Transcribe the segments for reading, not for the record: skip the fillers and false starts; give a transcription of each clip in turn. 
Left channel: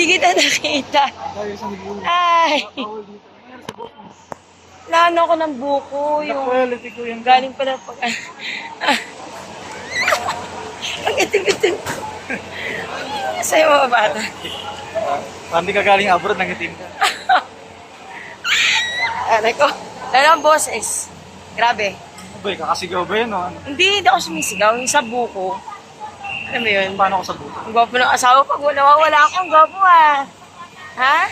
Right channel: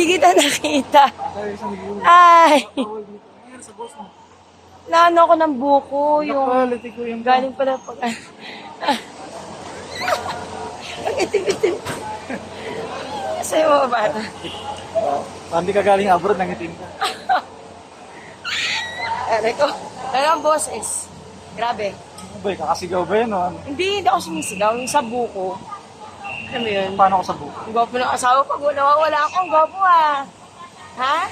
Hindi kita nakita. Ay. Naano ako ng buko. Yung galing pala pag... Ang itim-itim. Sa'yo mga bata. Hindi ka galing abroad, nangitim ka. Aray ko. Lalo ang boses. Grabe. Abay, kakasigaw ba yan? No? Hindi ako sumisigaw. Yung sa buko. Alam mo yun? Paano ako sa buko? Ang gwapo ng asawa pag nawawala ako. Ang gwapo ah. Ha?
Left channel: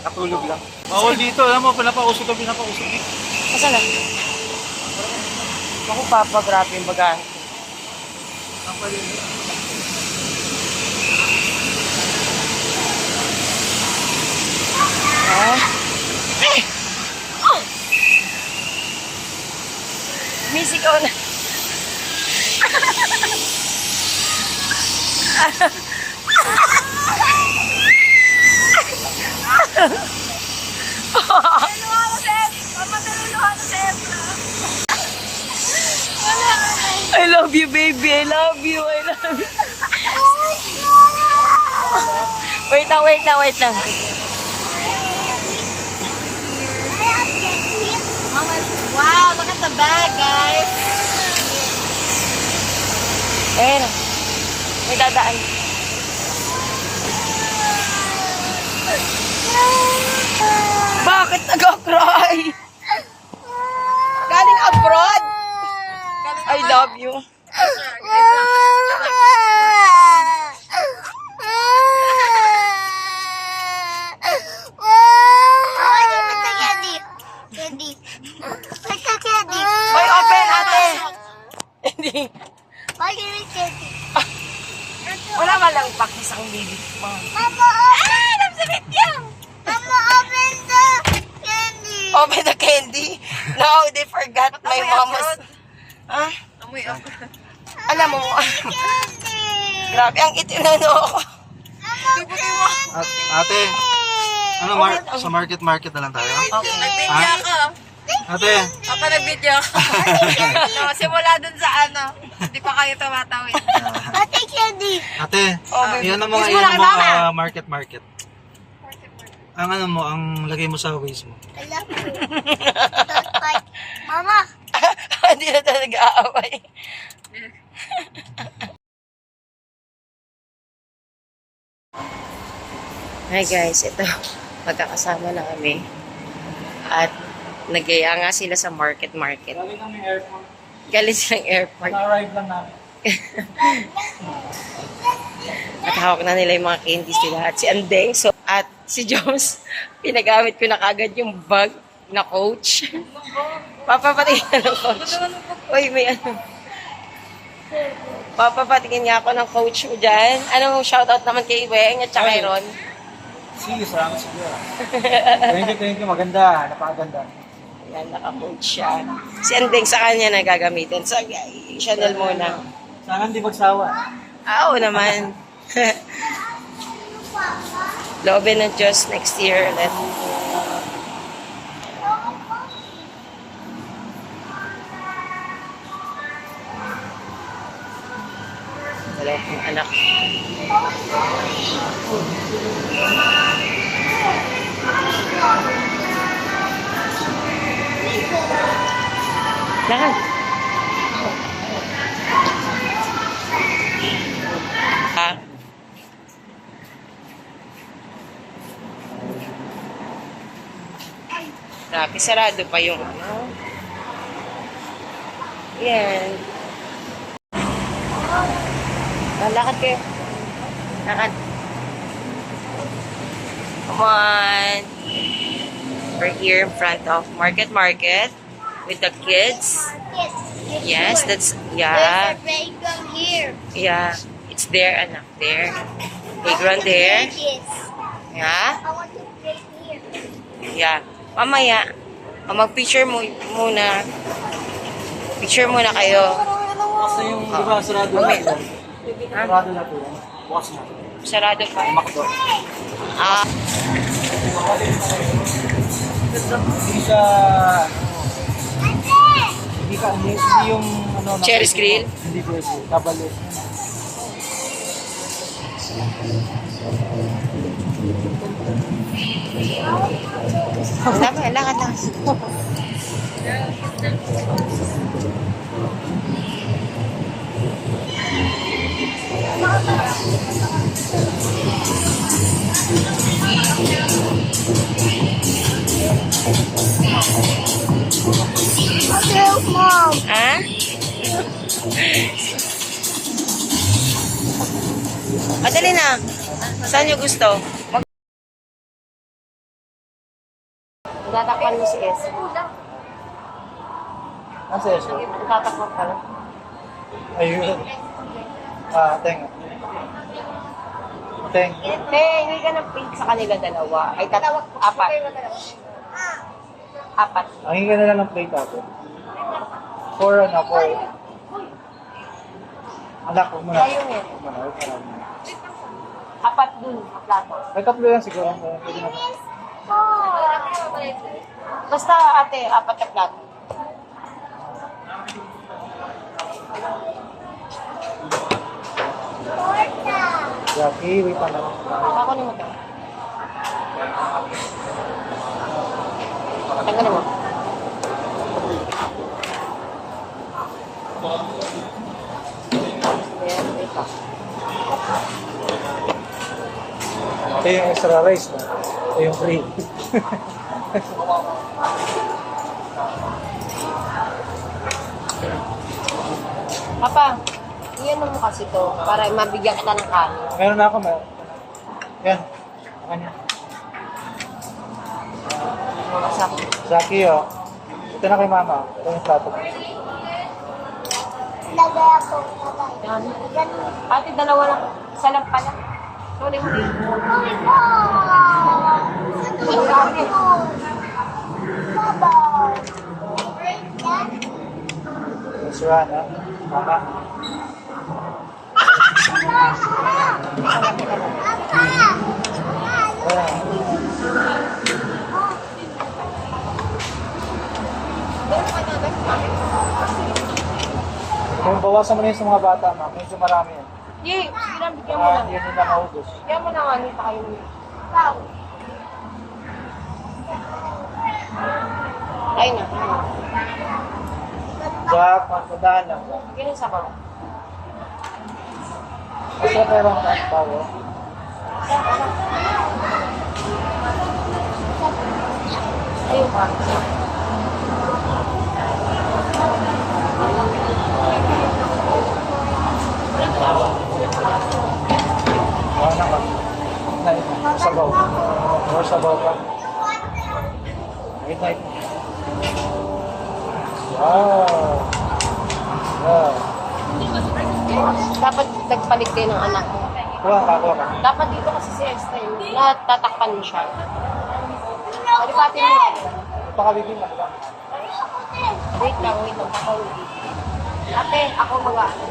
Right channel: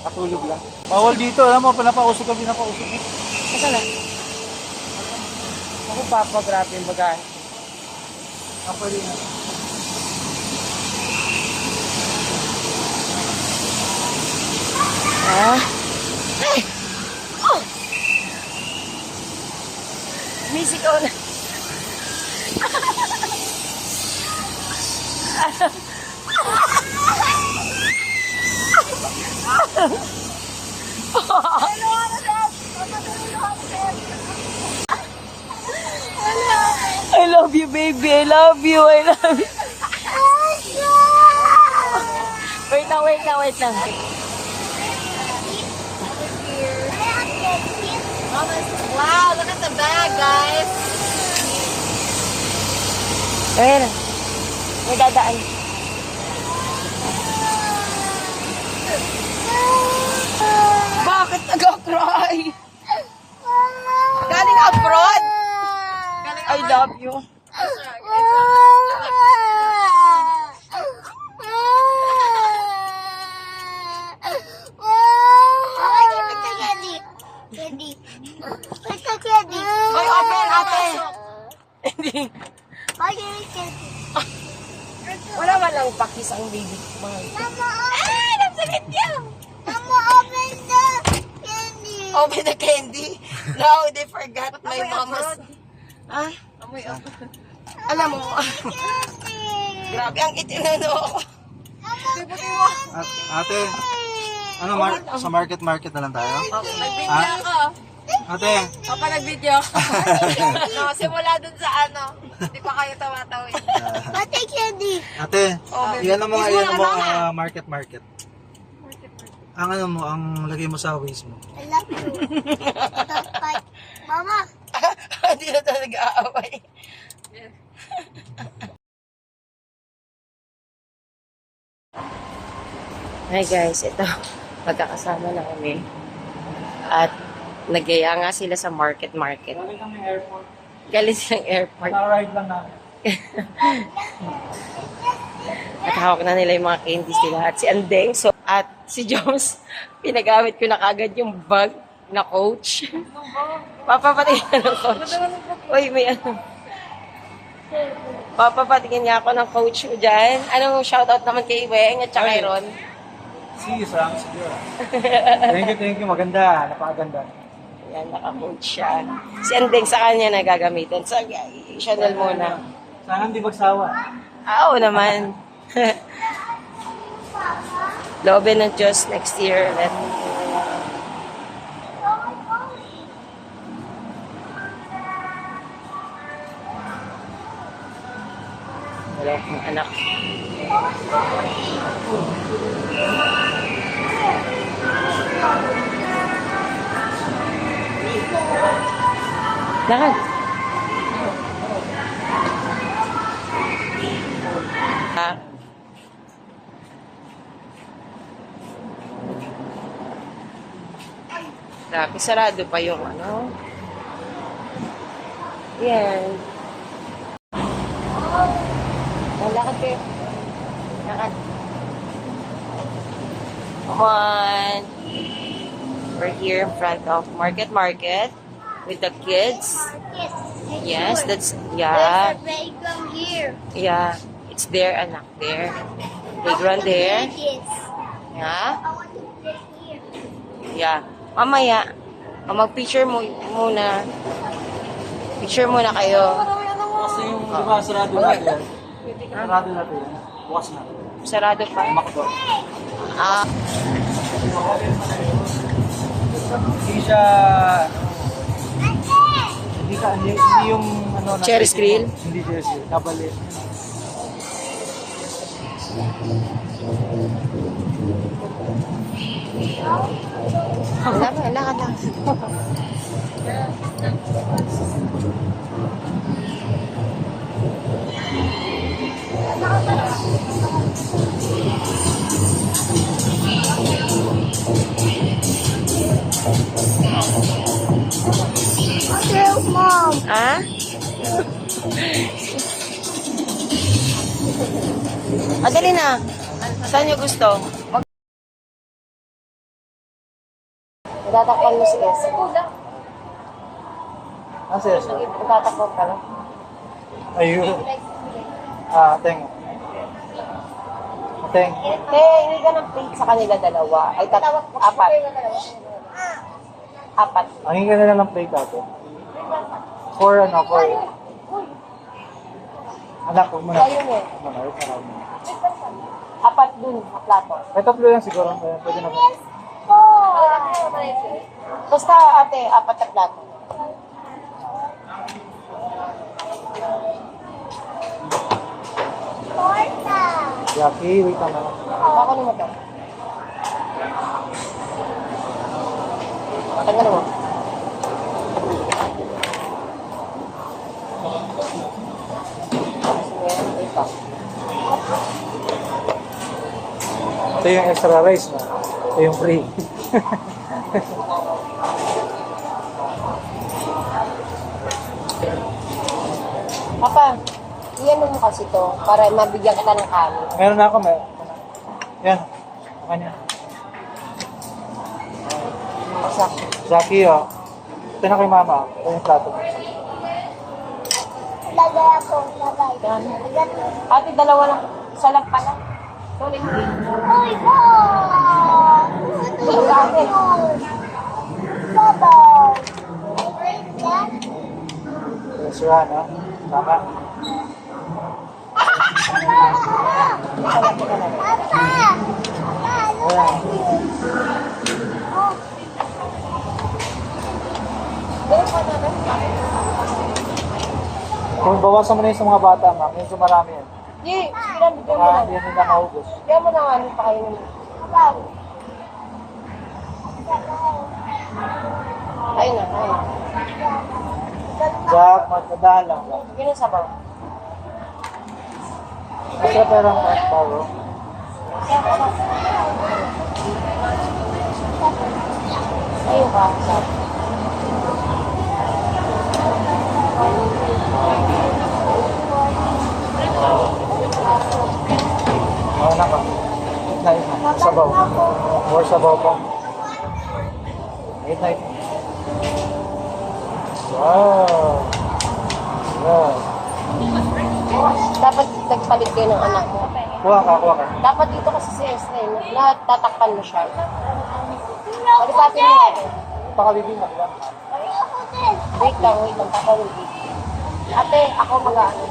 Makatulog lang. Bawal dito, alam mo, pinapausok ka, pinapausok eh. Asa na? Ako papa, grabe yung bagahe. Ako rin. Ha? Music on. I love you, baby. I love you. I love you. Wait lang, wait lang, wait lang. Wow, look at the bag, guys. Ayun na. May dadaan. Bakit nag-cry? Galing abroad? I love you. Hoy, open, ate. Hindi. Wala man lang pakis ang baby. Open the candy. No, they forgot my mama's. Ah? Alam mo, grabe ang itim na ako. Ate, ano, sa market na lang tayo? Okay. Nag-video ako. Ate, Papa, nag-video ako. No, simula dun sa ano. Hindi pa kayo tumatawid. ate, yan ang mga market. Ang ano mo, ang lagay mo sa waist mo. Mama. Hindi na tayo nag-aaway. Hi guys, ito. Magkakasama na kami. At nagaya nga sila sa market. Galing kami airport. Galing silang airport. Na-arrive lang namin. At hawak na nila yung mga candies nila. At si Andeng, at si Jones, pinagamit ko na kagad yung bag na Coach. Papapatingin ng Coach. Uy, may ano. Papapatingin nga ako ng Coach mo dyan. Anong shoutout naman kay Weng at saka kay Ron? Sam, siguro. Thank you. Maganda. Napakaganda. Yan, naka-Coach siya. Si Andeng sa kanya na gagamitin. So, Chanel muna. Sana hindi magsawa. Oo naman. Loobin ng Diyos next year ulit. Dalawa kong anak. Lakad. Grabe, sarado pa yung ano. Yan. Lakad kayo. Lakad. Come on. We're here in front of Market with the kids. Yes, that's, yeah. Yeah, it's there, anak, there. Playground there. Yeah. Yeah. Mamaya, mag-picture mo muna. Picture muna kayo. Kasi yung, di ba, sarado natin. Ha? Sarado natin. Bukas na. Sarado pa. Makdo. Ah. Hindi siya, hindi yung, ano, Cherry screen? Hindi cherry screen. Kabali. Wala ba? Lakad lang. Mom. Ah? Dali na. Saan nyo gusto? Tatakpan mo si S. Ang saya siya. Tatakpan ka lang. Ayun. Teng. Teng. Hindi ka ng plate sa kanila dalawa. Ay, apat. Apat. Ang hinga na lang ng plate natin. For. Anak, huwag mo na. Ayun eh. Huwag mo na, wait na lang. Apat dun, sa plato. May tatlo lang siguro. Pwede na. Basta ate, apat na plato. Jackie, wait naman. Ako ni mo to. Tanggalin mo. Ito yung extra rice na. Ito yung free. Papa, iyan mo kasi to para mabigyan kita ng kanin. Meron na ako. Yan. Makanya. Jackie, oh. Ito na kay mama. Ito yung plato. Lagay ako. Ate, dalawa lang. Isa lang pala. Sorry. Yes, Rana. Tama. Ayan. Kung bawasan mo na yun sa mga bata, ma'am, medyo marami yan. Di, bigyan mo Baka lang. hindi nila maubos. Bigyan mo lang ano pa kayo. Ayun na. Jack, magpadahan lang. Bigyan sa baba. Kasi perang tao. Ayun pa. Ano ka? Sabaw. More sabaw pa. Wait, wait. Wow. Wow. Dapat nagpalit din ng anak mo. Kuha ka. Dapat dito kasi si Esther, natatakpan mo siya. Alipatin mo natin. Pakabibing lang. Wait lang, papawag. Ate, ako mga ate.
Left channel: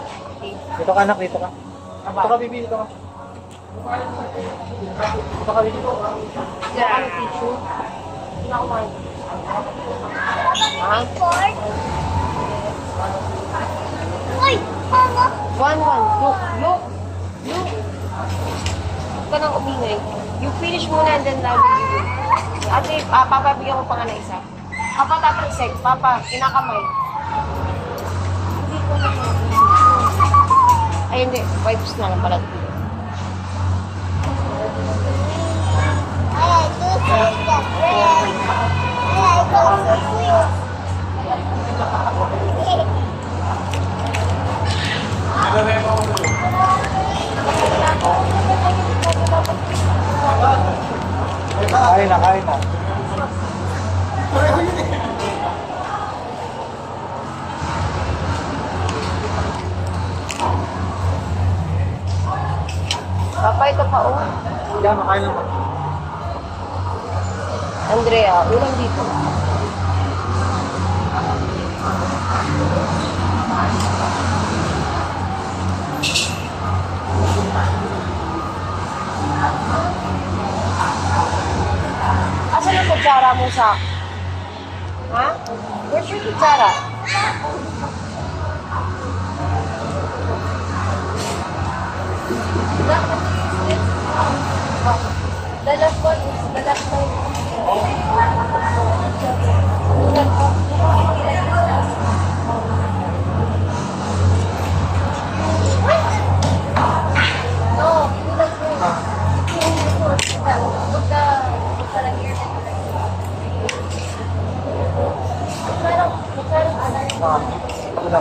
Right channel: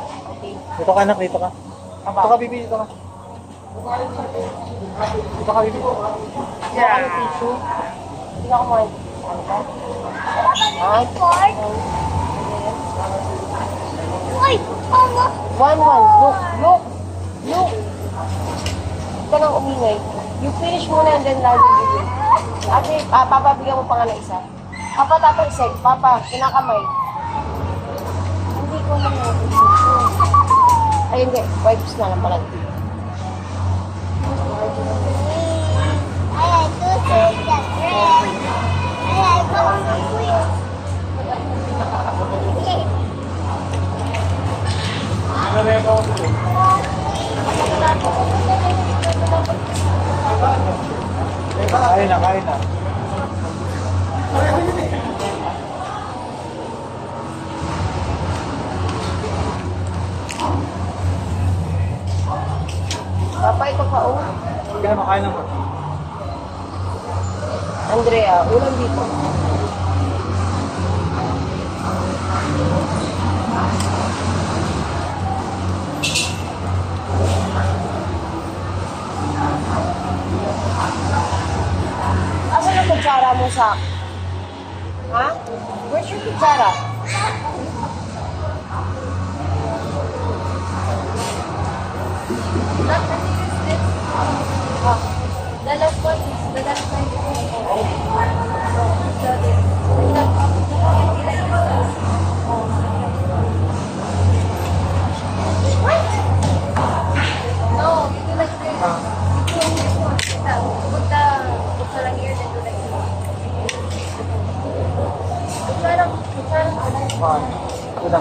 Dito ka anak, dito ka. Dito ka, bibi, dito ka. Dito ka, bibi. Yeah. Tissue. Hindi ako mag... One. Look. Huwag ka nang umingay. You finish muna and then now you do. Ate, Papa, bigyan ko pa nga na isa. Papa, tapos sex. Papa, kinakamay. Hindi ko na ay, hindi. Wipes na lang pala. Kain na. Papa, ito pa oh. Kaya makain naman. Andrea, ulang dito. Asan yung kutsara mo sa... Ha? Where's your kutsara?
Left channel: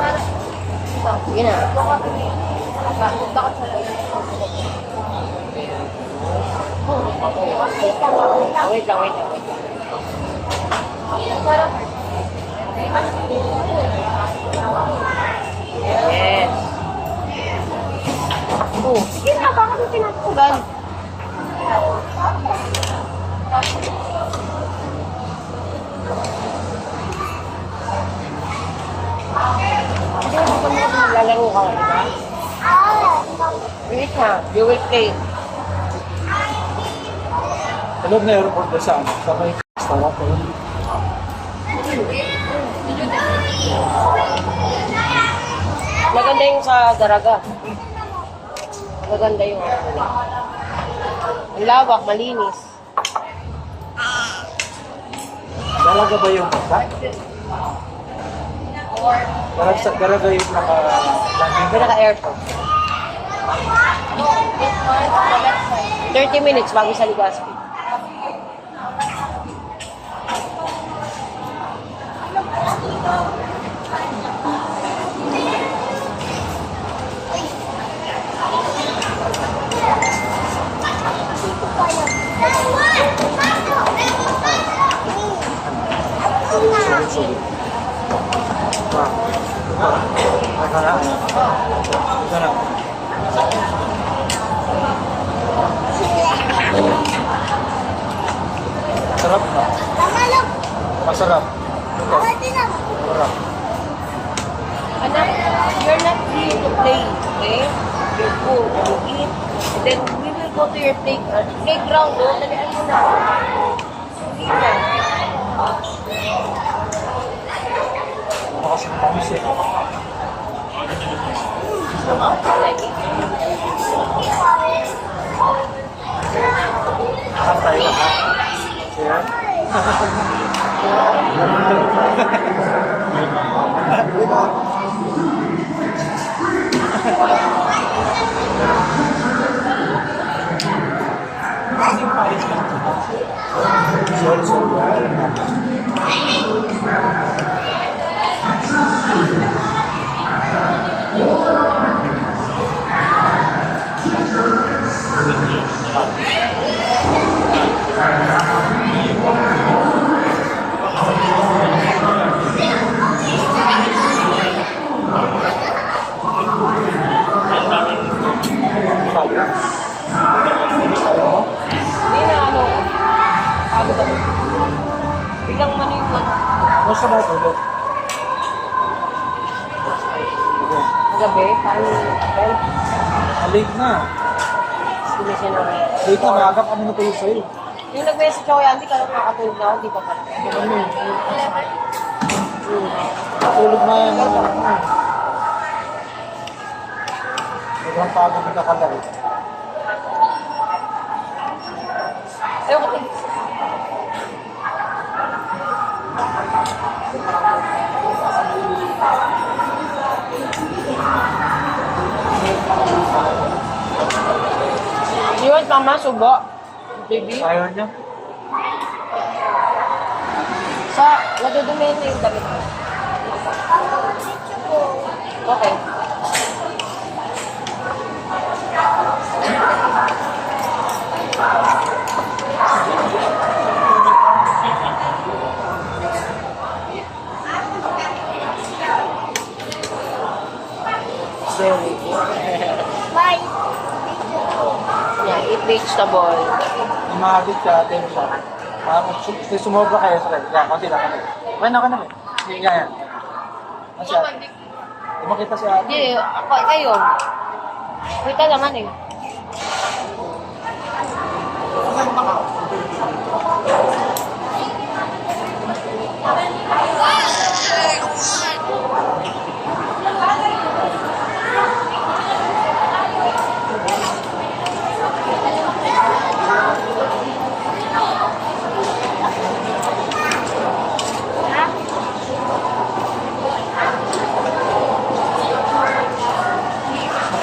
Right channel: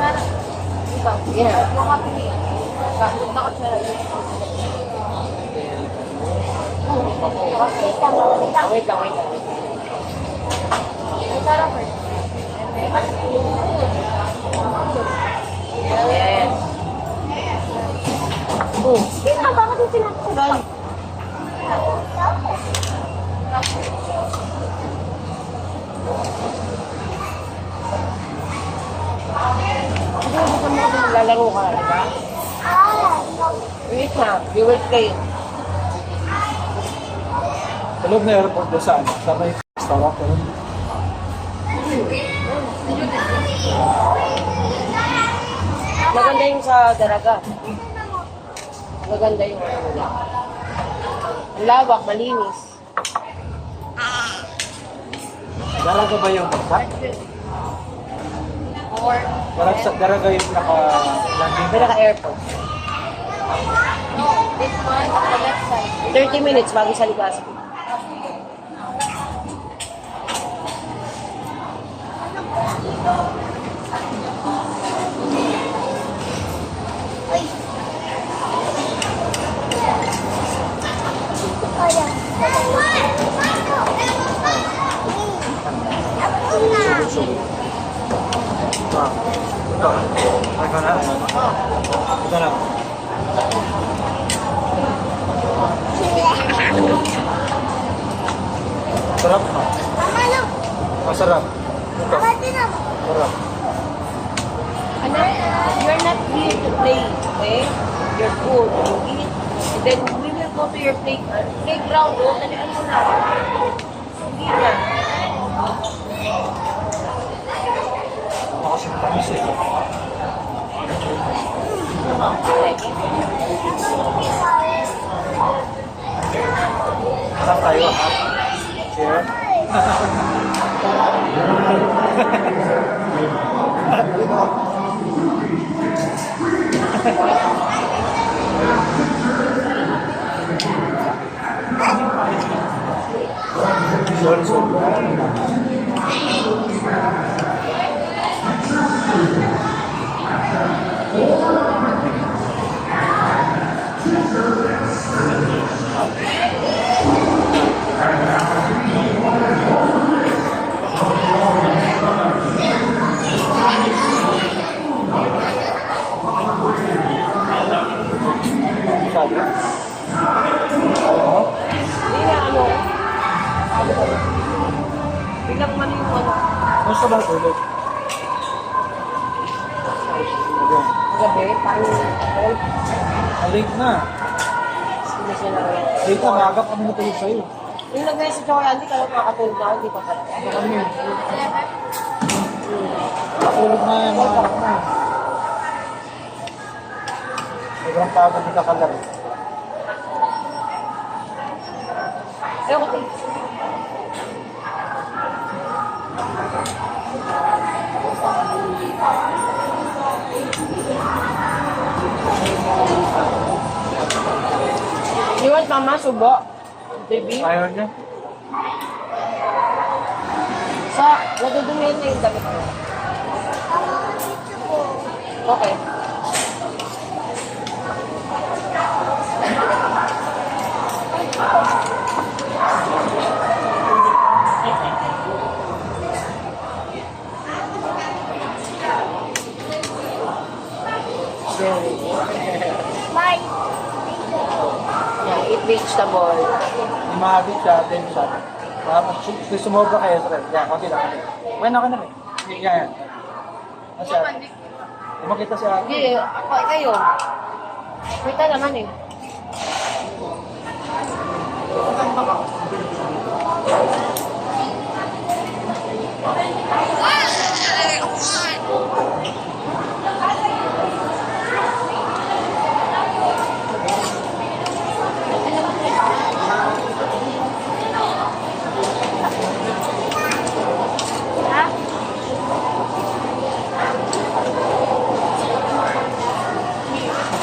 lang. Sige na. Wait lang. Yes. Oh, sige na, bakit yung pinatugan? Lalaro ka, di ba? Wait na, you will play. Sa loob na airport doon sa ano? Sa may sarap ko. Maganda yung sa Daraga. Maganda yung ano nila. Ang lawak, malinis. Daraga ba yung bagsak? Daraga yung naka-landing. Pinaka-airport. 30 minutes bago sa Legazpi. Sulit. Ito na. Ito na. Sarap na. Masarap. Ito. Sarap. Anak, you're not here to play, okay? You're food, you eat, and then we will go to your playground. Talian mo na. Sige na. Kasi matamis eh. Harap tayo, ha? Share. Kaya? Kaya mo? Hindi na ano. Biglang man yung ano. Mas ka ba tulog? Okay. Gabi, paano yung Late na. sila sila. Late na, maaga kami natulog sa'yo. Yung nag-message ako, hindi ka lang makatulog na ako, hindi pa pala. Ano kami? Natulog na yung mga anak mo. Sobrang pagod yung kakalari. Okay. You want mama subo? Baby? Ayaw niya? Sa, nadudumihin na yung damit mo. Okay. Yeah, eat vegetable. Imahagit ka, atin siya. Tapos sumobra kayo sa rin. Yan, konti lang kami. Okay na, okay na. Hindi, yan. Kasi ate. Di makita si ate. Hindi, ako, kayo. Kita naman eh.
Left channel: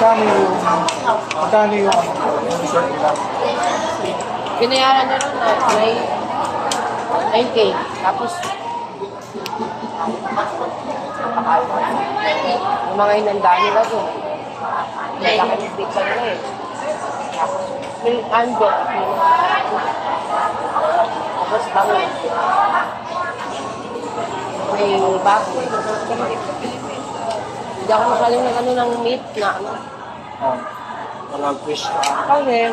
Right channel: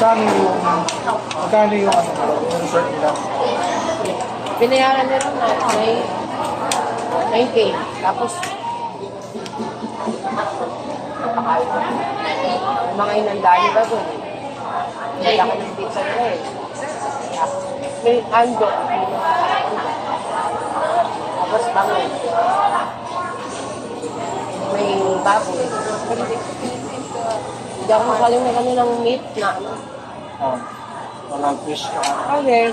Magkano yung ano, yung resort nila? Binayaran nyo ron na may 9K. Tapos, bakal. Yung mga inandaan nila doon. Malaki yung pizza nila eh. Tapos may handok. Tapos bangon. May baboy. Hindi ako masaling ng ano ng meat na ano. Walang fish na. Okay.